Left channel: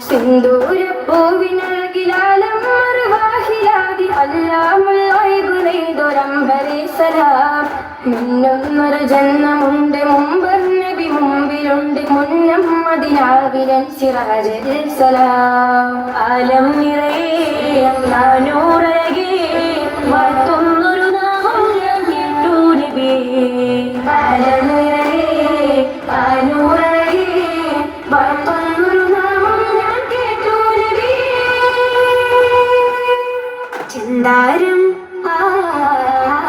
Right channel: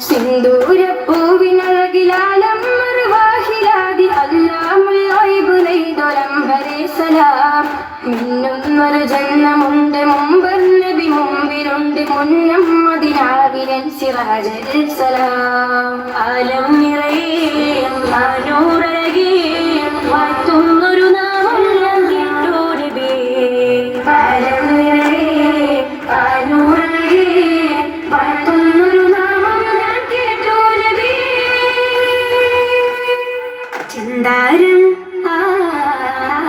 സിന്ദൂരപ്പൂവിനഴകിലാലം മറുവാഹിലാതി അല്ലാമുള്ളൊരംബരേ സലാം. മിന്നുന്നൊരു ജന്മമുണ്ട് മുമ്പ് നബി മുമ്പിലുണ്ട് മുന്നം അതിലാകിരൻ സിറാജൽ സലാം. ആലം നിറയെ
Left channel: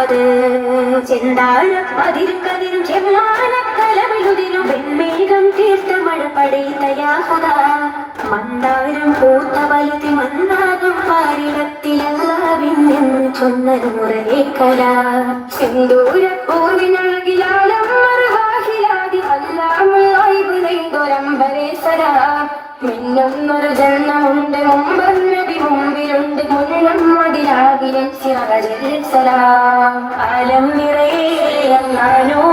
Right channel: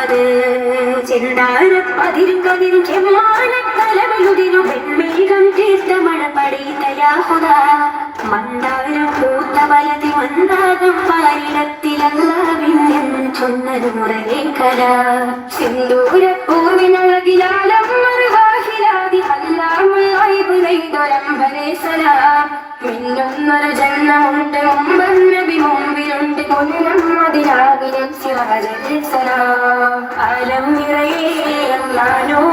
ചെല്ലാതെ ചെണ്ടാരം അതിരുക്കതിനും ചെമ്മാനക്കലമെഴുതിനും വെൺമേകം തീർത്ത മഴ പടയുന്നയാഹുത മന്ദാരം പൂത്ത വലതി മന്ദാരം പാരിടത്തിലല്ല വിന്നും ചൊന്നത് മുറലേ കല. സിന്ദൂരപ്പൂവിനഴകിലാലം മറുവാഹിലാതി അല്ലാമുള്ളൈബ് നെയ്തൊരമ്പരേ സലാം മിന്നുന്നൊരു ജന്മമുണ്ട് അലം നിറയെ നാനോ